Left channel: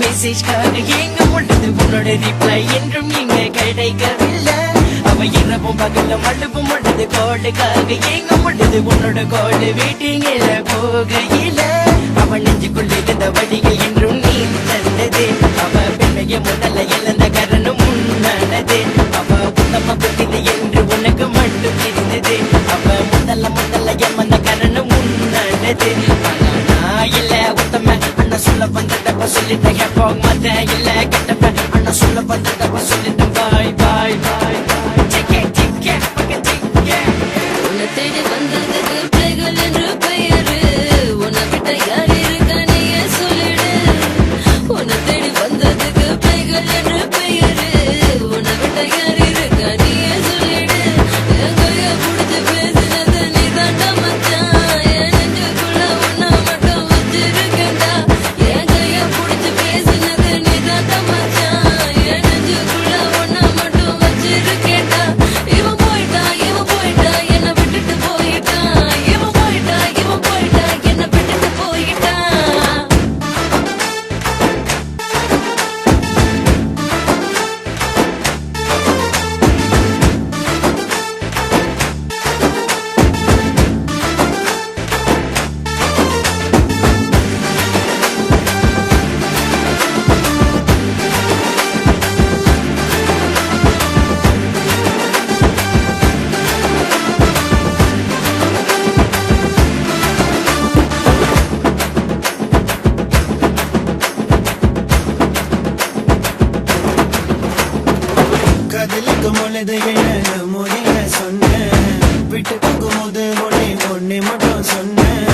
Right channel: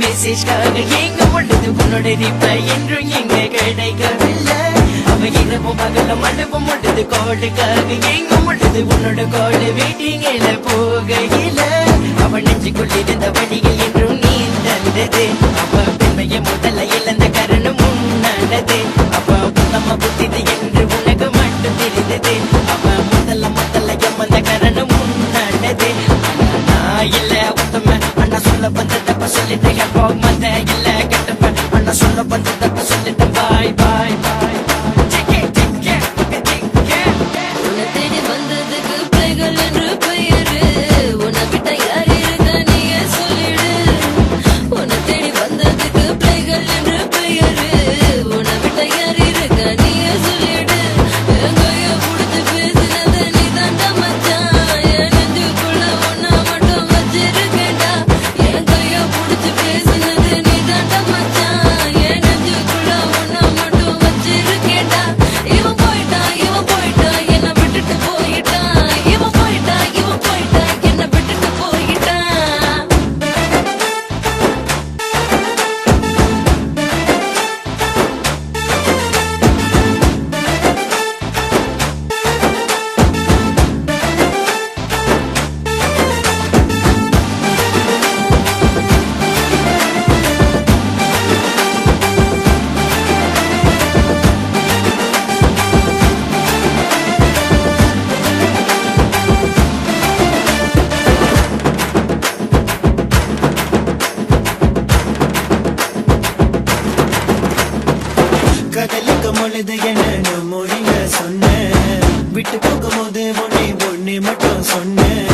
மெசேஜ்காக எங்க முட்டது உன்னோட ரிப்ளை என்றும் இங்க கிடைக்கவில்லை. அவ இரவும் பகல மழுவும் முட்டது கோடுக்காக எங்க முட்டது உன்னோட கோடு வெயிட்டிங்கில போகையில அவள் நெஞ்சுக்குள் இருந்த வடிகள் என்றும் நீ நல்லது. அவ பெண்மைய முதல்ல இழந்த காரணம் முன்னது. அவ உத்தம புத்திது என்று உனக்கு மட்டும் தெரிந்தது. அவ முதல்ல ஏமந்த காரணம் முன்னது. நான் இல்ல உத்தம அண்ணா சொல்ல வந்ததப்ப சொல்லிட்டேன் போக மாட்டேன் இல்ல கெட்டப்ப அண்ணா சொல்ல வந்ததப்ப சொல்லிட்டேன் பாய் பாய் பாய் மொழிக சொன்ன விட்டு போகும்போது ஒன்னே மட்டும் சொன்ன